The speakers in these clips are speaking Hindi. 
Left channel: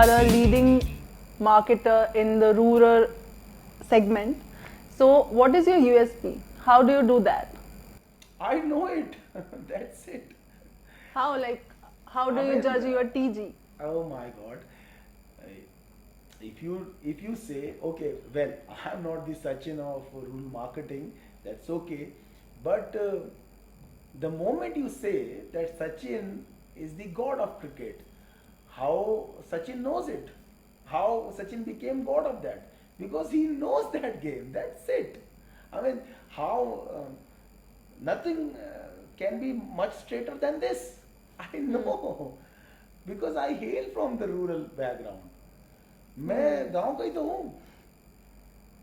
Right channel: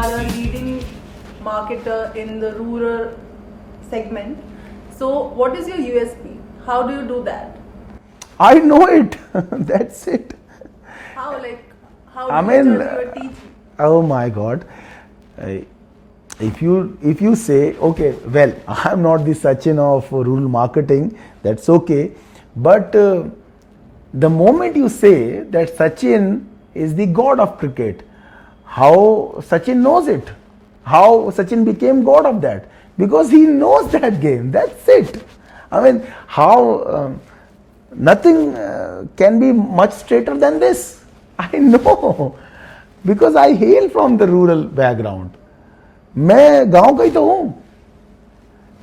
are a leading marketer in the rural segment. So, what is your USP? How do you do that? I know it. That's it. How how do you judge your TG? Oh my God. Uh, if you say, okay, well, I'm not the Sachin of rural marketing, that's okay. But the moment you say that Sachin is the god of cricket, how Sachin knows it, how Sachin became god of that, because he knows that game. That's it. I mean, how nothing can be much straighter than this. I know because I hail from the rural background. मैं गांव का ही तो हूं,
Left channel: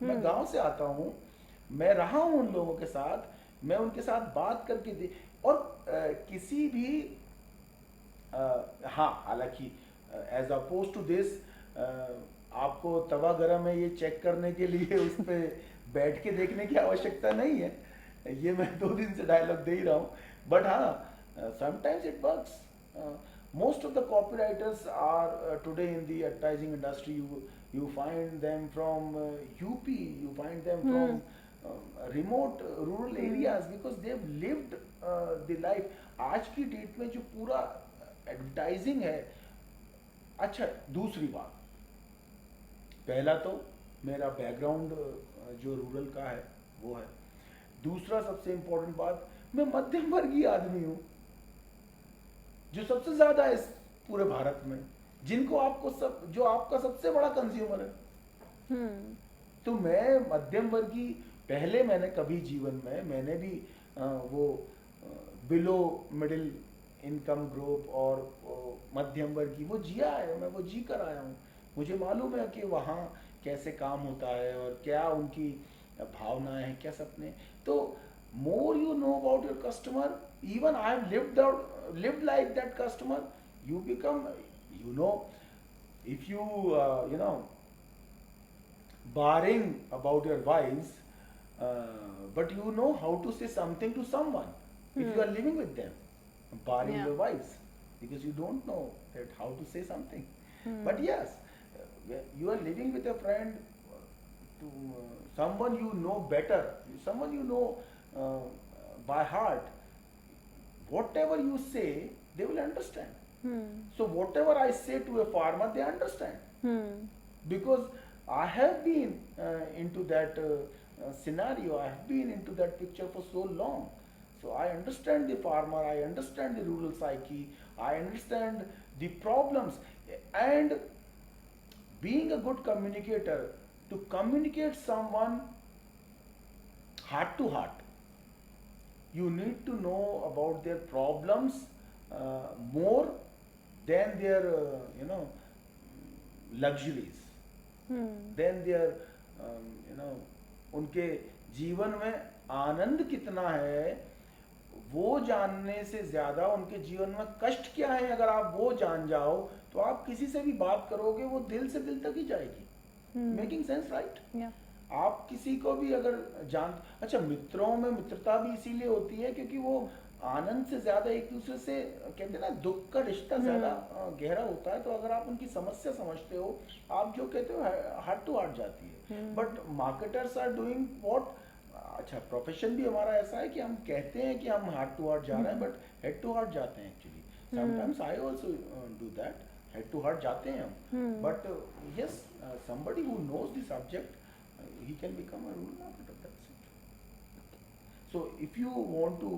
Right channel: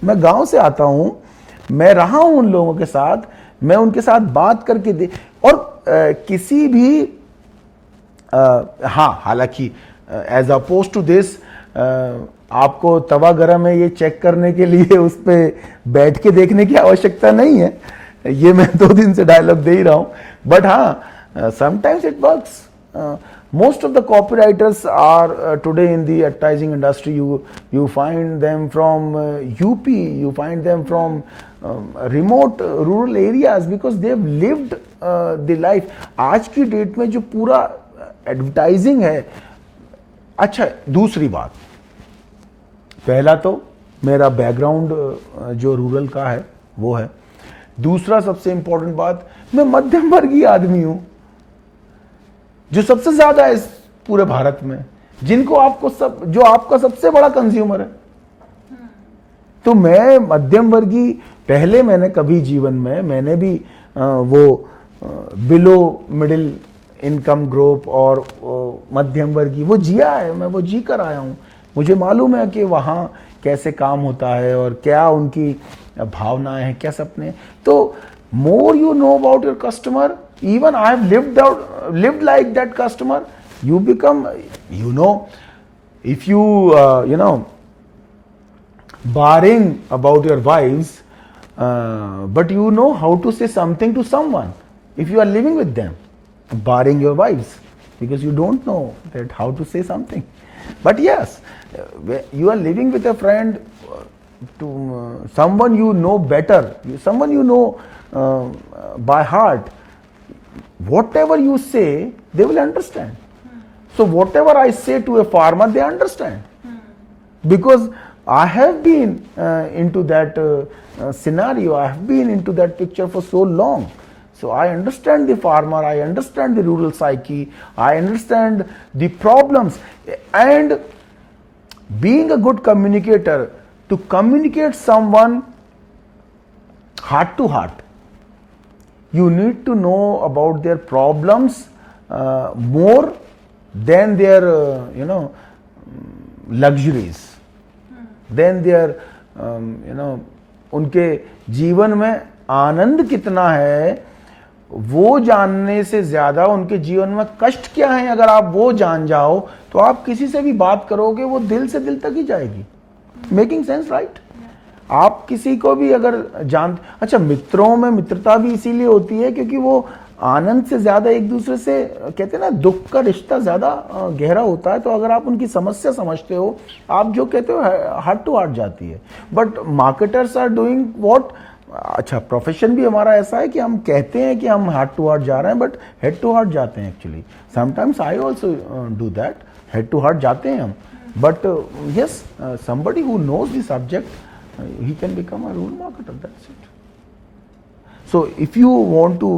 मैं गांव से आता हूं, मैं रहा हूं उन लोगों के साथ, मैं उनके साथ बात करके दे और किसी भी हाँ, हालांकि एज अपोज टू दिस आपको तवा गरम है ये चेक करने के लिए उस पर बैठ के देखने की आवश्यकता नहीं है. ये मैं 2 दिन से डायलॉग दे ही रहा हूं. बट हाँ, sometimes it works. Most of the copywriters are today in the advertising industry. You find them from UP, you find them from remote rural areas because they've lived the life. आज की डेट में जो पूरा एडवर्टाइजिंग है. अच्छा, दूसरी बात, पहला तो मेरा बैकग्राउंड जो रूरल का है वो है. दूसरा सबसे इंपॉर्टेंट बात, मैं मध्यम वर्गीय आदमी हूं जो सबसे ज्यादा है इस पूरे भारत में, जिनको आपको जो आपका सबसे बड़ा कंज्यूमर है. तो मैं मध्यम वर्गीय, पहले मैंने कभी जीवन में मैंने भी वो बिलो मिडिल इनकम ग्रुप और मध्यम वर्गीय वो जिया है. मैं वो जी कर आया हूं. मुझे मालूम है कि वहां कैसे काम होता है और क्या उनकी भावनाएं हैं, क्या सपने. तो more you know about your customer, even I have lived like that customer, you become, if you barring about your wives, but you know how to say something to someone if you are living with them, barring your wives, because you don't know that how to say something. But yes, you are living with a friend, to someone you know better, someone you know by heart, whatever you say they will understand. So whatever I say to a farmer, they understand, because I have been into that scenario, I have been into that picture for so long. So I understand the farmer, I understand the rural psyche, I understand the problems. And being a good communicator, to communicate someone heart to heart, you need to know about their problems more than their luxuries, than their उनके जीवन में आनंद कितना है वो जानने से ज्यादा उनके जीवन में कष्ट क्या है. अगर आप वो जान जाओ तो आप किसी से भी बात करोगे वो दिल से दिल तक ही जाएगी. Making sense, right? आप किसी को भी अगर अच्छा, मित्रों में मित्रता भी इसीलिए होती है क्योंकि वो आनंद से ज्यादा एक दूसरे से, कहते हैं ना, दुख का रिश्ता ज्यादा गहरा होता है. तो अगर आप उनकी समस्या समझते हो, आप जो कहते हो हार्ट टू हार्ट जाती है. But marketers are doing what, अच्छा, प्रोफेशन भी हमारा ऐसा है कि हम कहते हैं कि हम हार्ट टू हार्ट जा रहे हैं, बट हेड टू हार्ट जाते हैं actually. Sometimes I also do that, head to heart जाते हैं हम. But yes, somebody who knows the subject, he can become a rural marketer. That's it. So if you want to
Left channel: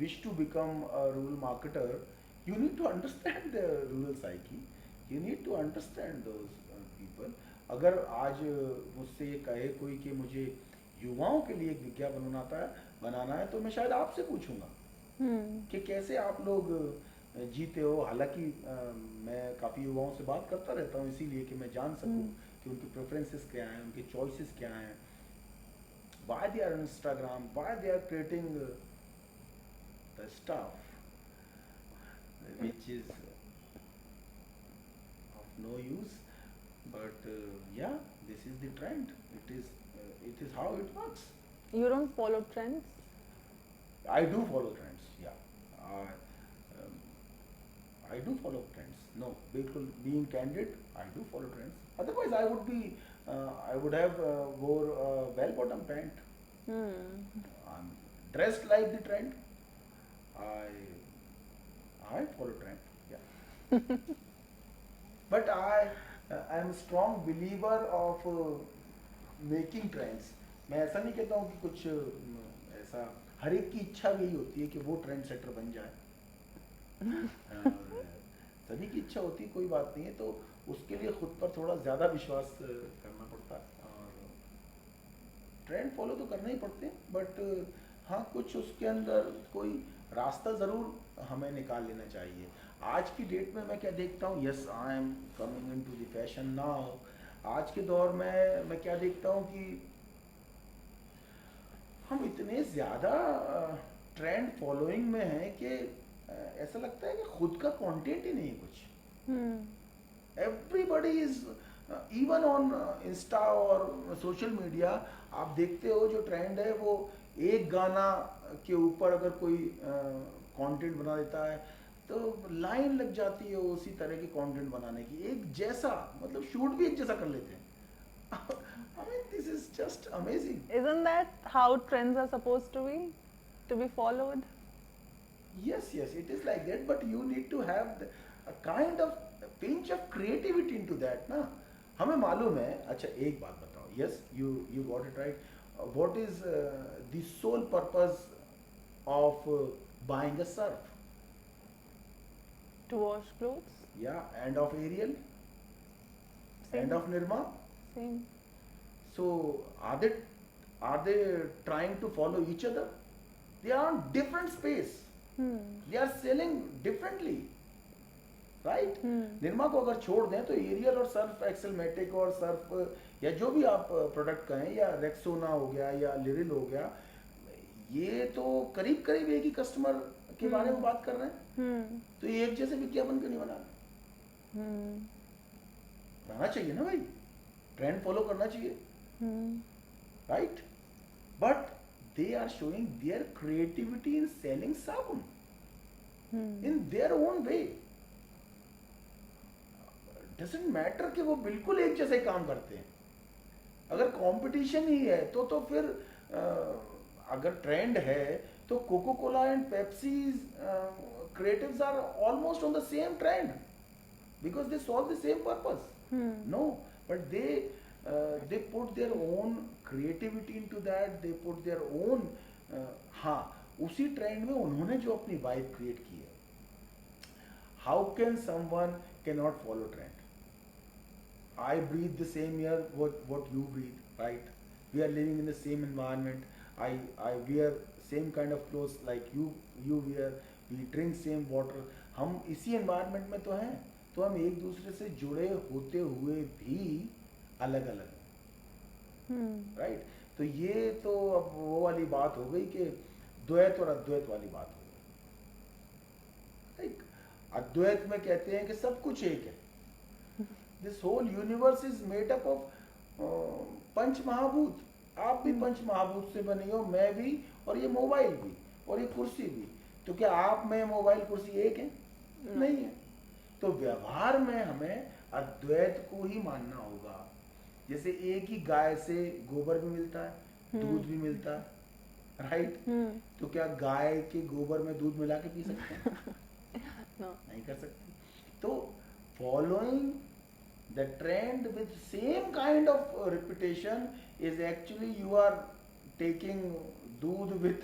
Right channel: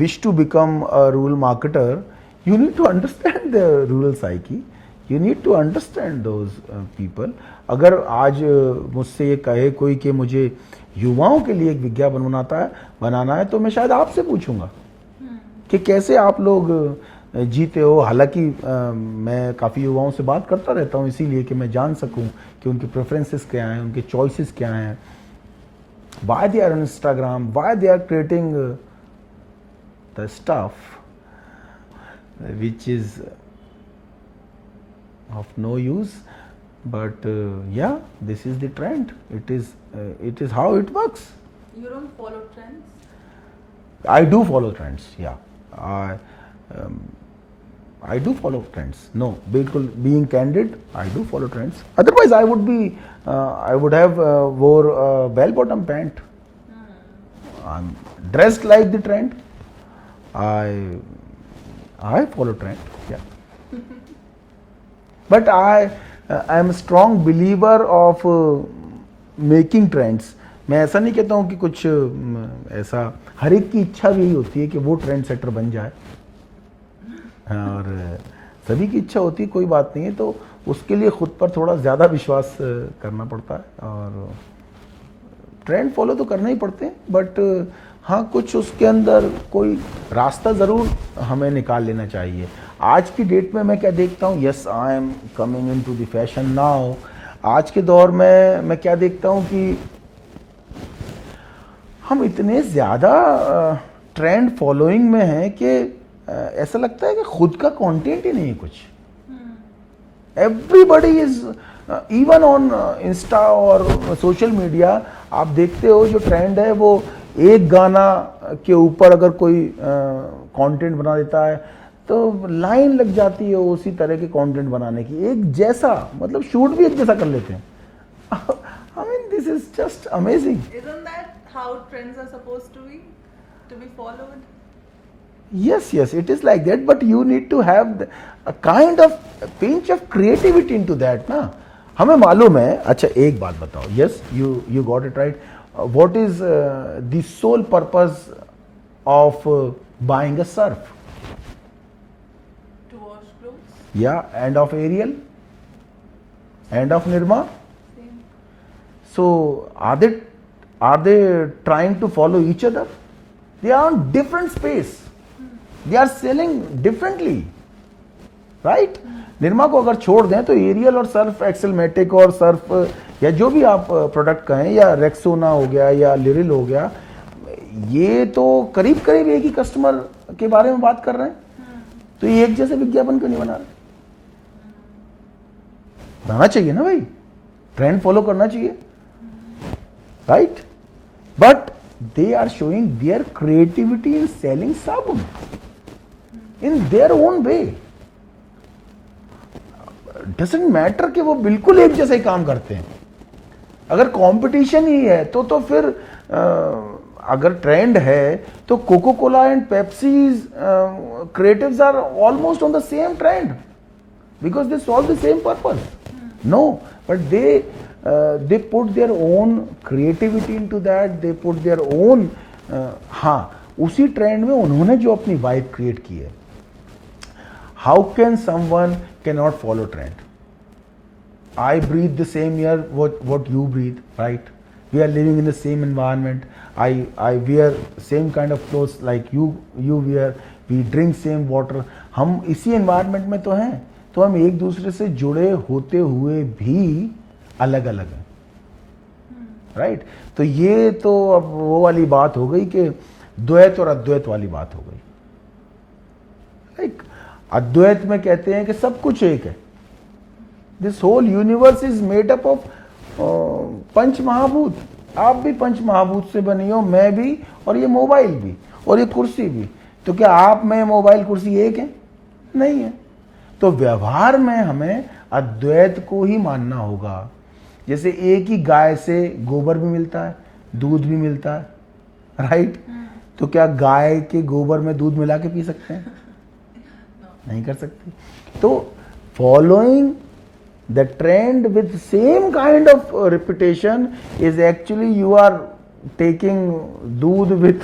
wish to become a rural marketer, you need to understand the rural psyche, you need to understand those people. अगर आज मुझसे ये कहे कोई कि मुझे युवाओं के लिए एक विज्ञापन बनाना है तो मैं शायद आपसे पूछूंगा कि कैसे आप लोग जीते हो. हालांकि मैं काफ़ी युवाओं से बात करता रहता हूँ इसीलिए कि मैं जान सकूं कि उनके प्रेफरेंसेस क्या हैं, उनके चॉइसेस क्या हैं, why they are on Instagram, why they are creating the stuff which is of no use. But yeah, this is the trend. It is how it works. You don't follow trends? I do follow trends. Yeah, I do follow trends. No, बिल्कुल being candid, I do follow trends. Otherwise, I would have wore a bell-bottom pant. I'm dressed like the trend. I follow trend. Yeah. But I am a strong believer of making trends. मैं ऐसा नहीं कहता हूँ कि कुछ ऐसा, हर एक की इच्छा भी यही होती है कि वो ट्रेंड सेटर बन जाए, और सभी की इच्छा होती है, कोई बात नहीं है, तो उसके लिए खुद पर थोड़ा ज़्यादा विश्वास करना पड़ता है, और ट्रेंड फॉलो तो करना ही पड़ते हैं, बट हाँ कुछ उसके अंदर कोई रास्ता ज़रूर हमें निकाल लेना चाहिए. आज की डेट में मैं क्या देखता हूँ, yes I am coming in to the fashion now. आज के दौर में मैं क्या देखता हूँ कि हम इतने ज़्यादा ट्रेंड फॉलोइंग में हैं कि ऐसा लगता है कि खुद का कंटेंट ही नहीं है कुछ. Everybody is, even on Insta और सोशल मीडिया आप देखते हो जो ट्रेंड है वो एक गाना के ऊपर अगर कोई कंटेंट बना देता है तो लाइन लग जाती है उसी तरह के कंटेंट बनाने की, एक जैसा, मतलब शूट भी एक जैसा कर लेते हैं. I mean, this is just amazing. Isn't that how trends are supposed to be followed? Yes, it is like that, but you need to have a kind of a pinch of creativity into that, ना. हमें मालूम है. अच्छा एक बात बताओ. Yes, you got it right. What is the sole purpose of buying a surf? To wash clothes? Yeah, and of Ariel? And of Nirma? Same. So are they trying to follow each other? They are on different space. They are selling differently, right? Nirma को अगर छोड़ दें तो एरियल और सर्फ एक्सेलमेटिक और सर्फ या जो भी आप प्रोडक्ट कहें, या रेक्सोना हो गया या लिरिल हो गया, ये तो करीब करीब एक ही कस्टमर के बारे में बात कर रहे हैं. तो ये एक जैसे विज्ञापन क्यों नहीं बना रहे? बनाना चाहिए ना भाई, ट्रेंड फॉलो करना चाहिए, right? But they are showing their creativity in selling sabun in their own way. Doesn't matter कि वो बिल्कुल एक जैसे ही काम करते हैं. अगर कंपटीशन ही है तो फिर अगर ट्रेंड है तो Coca Cola and Pepsi's creatives are almost on the same trend because they solve the same purpose. No, but they put their own creativity into that. They put their own हाँ उसी ट्रेंड में उन्होंने जो अपनी वाइब क्रिएट की है. How can someone cannot follow trend? I breathe the same air what you breathe, right? We are living in the same environment. I wear same kind of clothes like you wear. We drink same water. हम इसी एनवायरनमेंट में तो हैं, तो हम एक दूसरे से जुड़े होते हुए भी अलग अलग हैं, राइट? तो ये तो अब वो वाली बात हो गई कि द्वैत और अद्वैत वाली बात हो गई. लाइक अद्वैत में कहते हैं कि सब कुछ एक है. This whole universe is made up of panch mahabhut. आप भी पंच महाभूत से बनी हो, मैं भी, और ये मोबाइल भी, और ये कुर्सी भी. तो क्या आप, मैं, मोबाइल, कुर्सी एक है? नहीं है. तो व्यवहार में हमें अद्वैत को ही मानना होगा. जैसे एक ही गाय से गोबर भी मिलता है, दूध भी मिलता है, राइट? तो क्या गाय के गोबर में दूध मिला के पी सकते हैं? नहीं कर सकते. तो following the trend with same kind of repetition is actually you are taking doodh with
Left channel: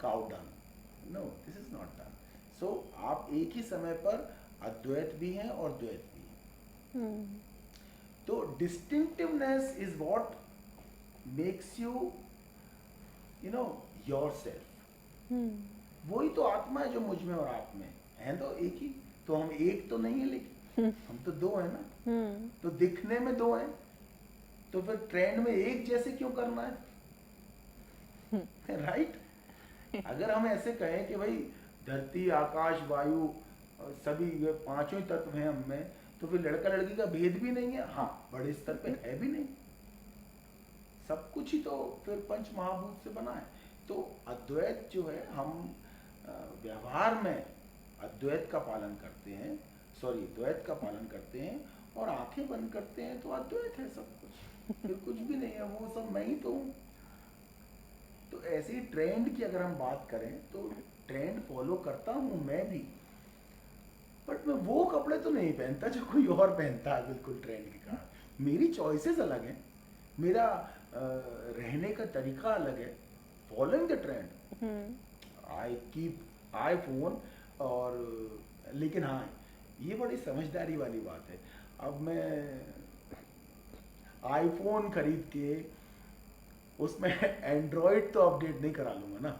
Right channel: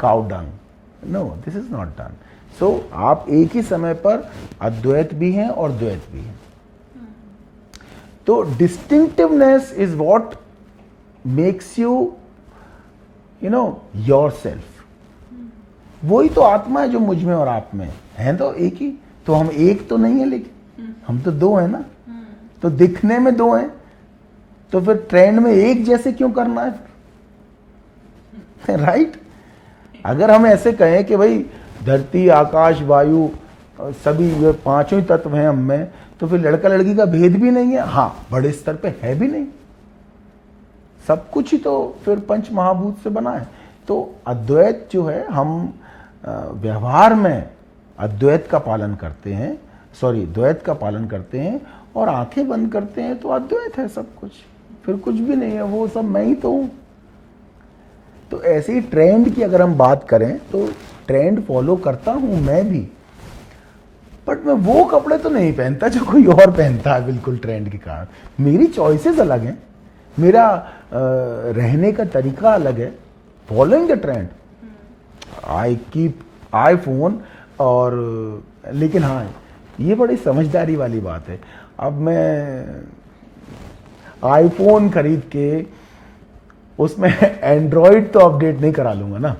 cow dung. No, this is not done. So आप एक ही समय पर अद्वैत भी हैं और द्वैत भी हैं. तो distinctiveness is what makes you yourself. वही तो आत्मा है जो मुझ में और आप में है. तो एक ही तो, हम एक तो नहीं है, लेकिन हम तो दो हैं ना. तो दिखने में दो हैं, तो फिर ट्रेंड में एक जैसे क्यों करना है, राइट? अगर हम ऐसे कहें कि भाई धरती, आकाश, वायु, सभी ये पांचों ही तत्व हैं हम में, तो फिर लड़का लड़की का भेद भी नहीं है. हाँ, बड़े स्तर पे है भी नहीं. सब कुछ ही तो फिर पंच महाभूत से बना है. तो अद्वैत जो है, हम व्यवहार में अद्वैत का पालन करते हैं, द्वैत का पालन करते हैं और आंखें बंद करते हैं तो अद्वैत है सब कुछ, फिर कुछ भी नहीं है, वो सब मैं ही तो हूं। तो ऐसे ही ट्रेंड की अगर हम बात करें तो ट्रेंड फॉलो करता हूं मैं भी, बट मैं वो कपड़े तो नहीं पहनता जो कोई और पहनता है बिल्कुल ट्रेंड के कारण। मेरी चॉइसेस अलग हैं, मेरा रहने का तरीका अलग है, following the trend. I keep iPhone और लेकिन हाँ ये बड़ी समझदारी वाली बात है, अब मैं आईफोन खरीद के उसमें एंड्रॉइड तो अपडेट नहीं करा लूंगा ना,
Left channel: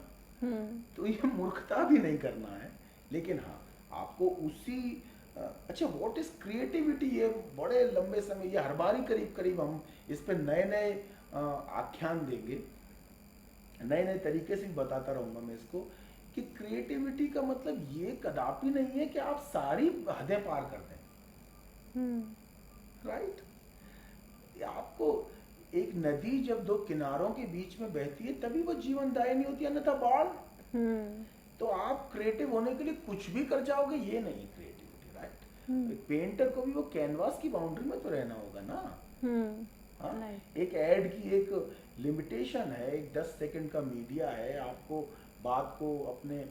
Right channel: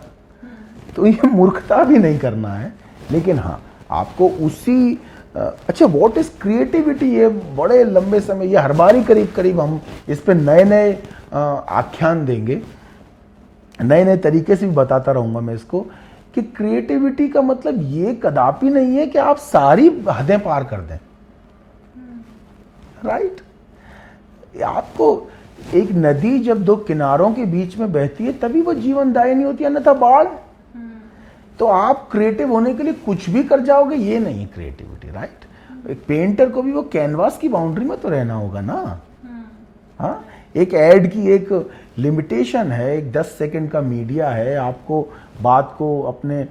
तो ये मूर्खता भी नहीं करना है। लेकिन हाँ आपको उसी अच्छा व्हाट इज क्रिएटिविटी, ये बड़े लंबे समय, ये हर बार ही करीब करीब हम इस पे नए नए आख्यान देंगे, नए नए तरीके से भी बताता रहूंगा मैं इसको कि क्रिएटिविटी का मतलब ये कदापि नहीं है कि आप सारी हदें पार कर दें, राइट? आपको एक नदी जब दो किनारों के बीच में बहती है तभी वो जीवनदायिनी होती है, अन्यथा बाढ़। तो आप क्रिएटिव होने के लिए कुछ भी कर जाओगे, ये नहीं क्रिएटिविटी, राइट? एक पेंटर को भी वो कैनवास की बाउंड्री में तो रहना होगा ना। हाँ, एक एड की एक लिमिटेशन है, एक 10 सेकंड का मीडिया है, आपको बात को अपने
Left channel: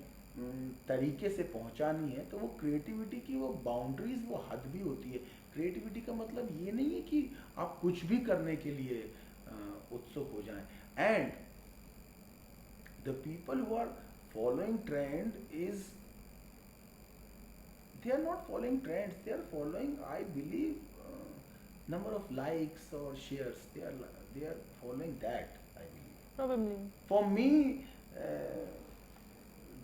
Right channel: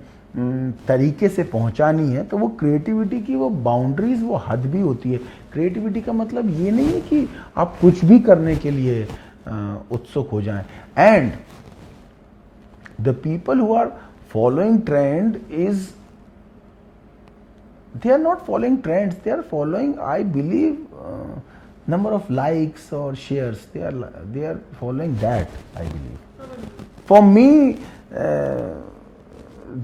तरीके से पहुंचानी है, तो वो क्रिएटिविटी की वो बाउंड्रीज, वो हद भी होती है। क्रिएटिविटी का मतलब ये नहीं है कि आप कुछ भी करने के लिए उत्सुक हो जाएं। And the people who are following trend is, they are not following trends, they are following, I believe, number of likes or shares, they are following that, I believe. For me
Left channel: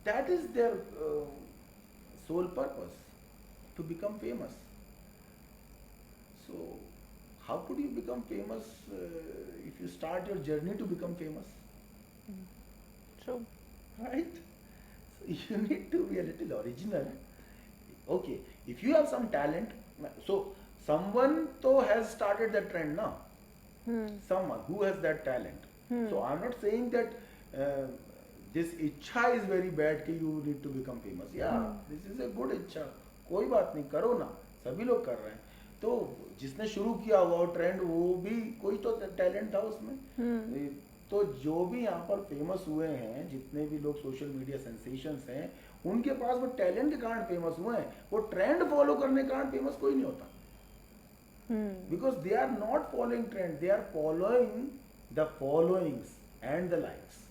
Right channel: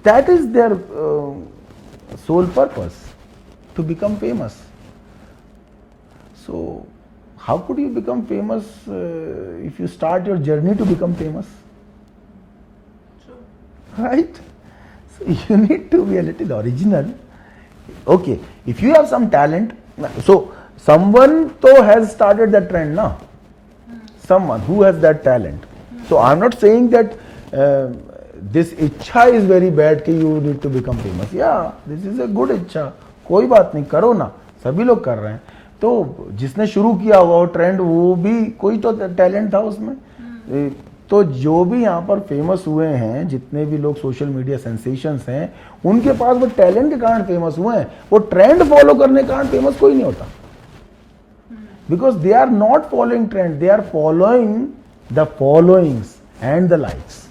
that is their sole purpose, to become famous. So how could you become famous if you start your journey to become famous? Right? So you need to be a little original. Okay, if you have some talent, so someone to has started that trend now. Someone who has that talent. So I'm not saying that this इच्छा is very bad कि you need to become famous. Yeah, this is a good इच्छा, कोई बात नहीं, करो ना, सभी लोग कर रहे हैं। तो जिसने शुरू किया हुआ वो ट्रेंड, वो भी कोई तो टैलेंट था उसमें। तो जो भी यहाँ पर फेमस हुए हैं, जितने भी लोग सोशल मीडिया सेंसेशंस हैं, उनके पास वो टैलेंट के कारण फेमस हुए हैं, वो ट्रेंड फॉलो करने के कारण फेमस कोई नहीं होता। Because they are not following trend, they are following the followings and the likes.